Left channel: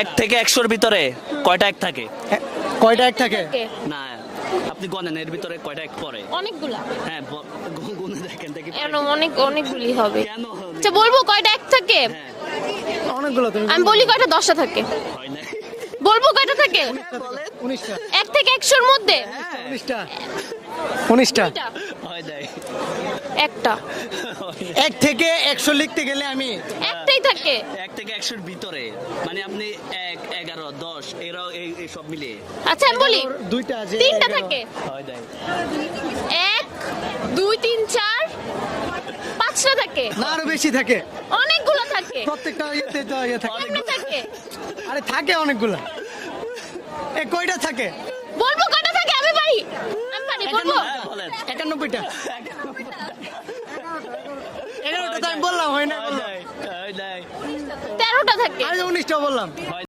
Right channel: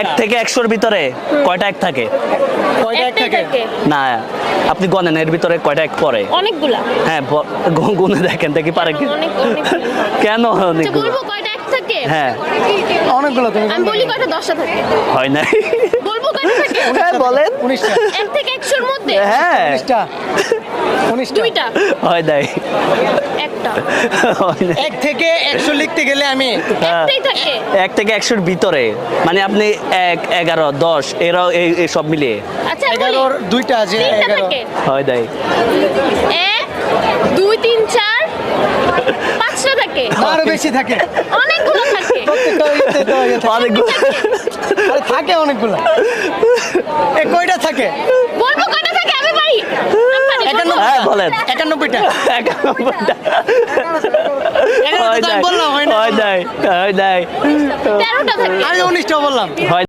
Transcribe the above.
এক থেকে 100-র ভিতরে কয়টা এক থাকে? কয়টা এক থাকে? না, আপনি গণেন এর ভিতরে কয়টা এক পড়ে? অনেকগুলা। হ্যাঁ, গুনে দেখেন দেখি পারে কি। কেন আচ্ছা, অনেক? বলবো কয়টা এক থাকে? হ্যাঁ, অনেকগুলো তুমি আমি বলি কয়টা 10টা থাকে। হয় নাই। বলবো কয়টা থাকে? হ্যাঁ, বলেন। 19টা। 1 থেকে 100-র মধ্যে হ্যাঁ, 19টা। 19টা। 2টা, হয় নাই। একটা। হয় নাই। 1 থেকে 100 লিখতে গেলে আমি একটাই থাকে। 1 থেকে 100-র ভিতরে মানে আপনি 1, 11, 10 এরাও এই সব মিলিয়ে আচ্ছা, 11-র দুইটা আছে 3টা 11। থাকে। হয় নাই। 1 2 3 4 5টা থাকে। না, আরো বেশি থাকে। অনেকগুলো থাকে। প্রত্যেকটা ইতে তো ইয়ে থাকে। অনেকগুলো। আরে থাকে অনেকগুলো। এ কয়টা থাকে? বলবো কয়টা থাকে আমি ভাই? 91 হ্যাঁ, বলেন। 91টা। 91টা। 11টা তো আমি বললাম, হয় না। হয় নাই। হয় নাই। 13টা থাকে। আরে 19টা বললাম। হয়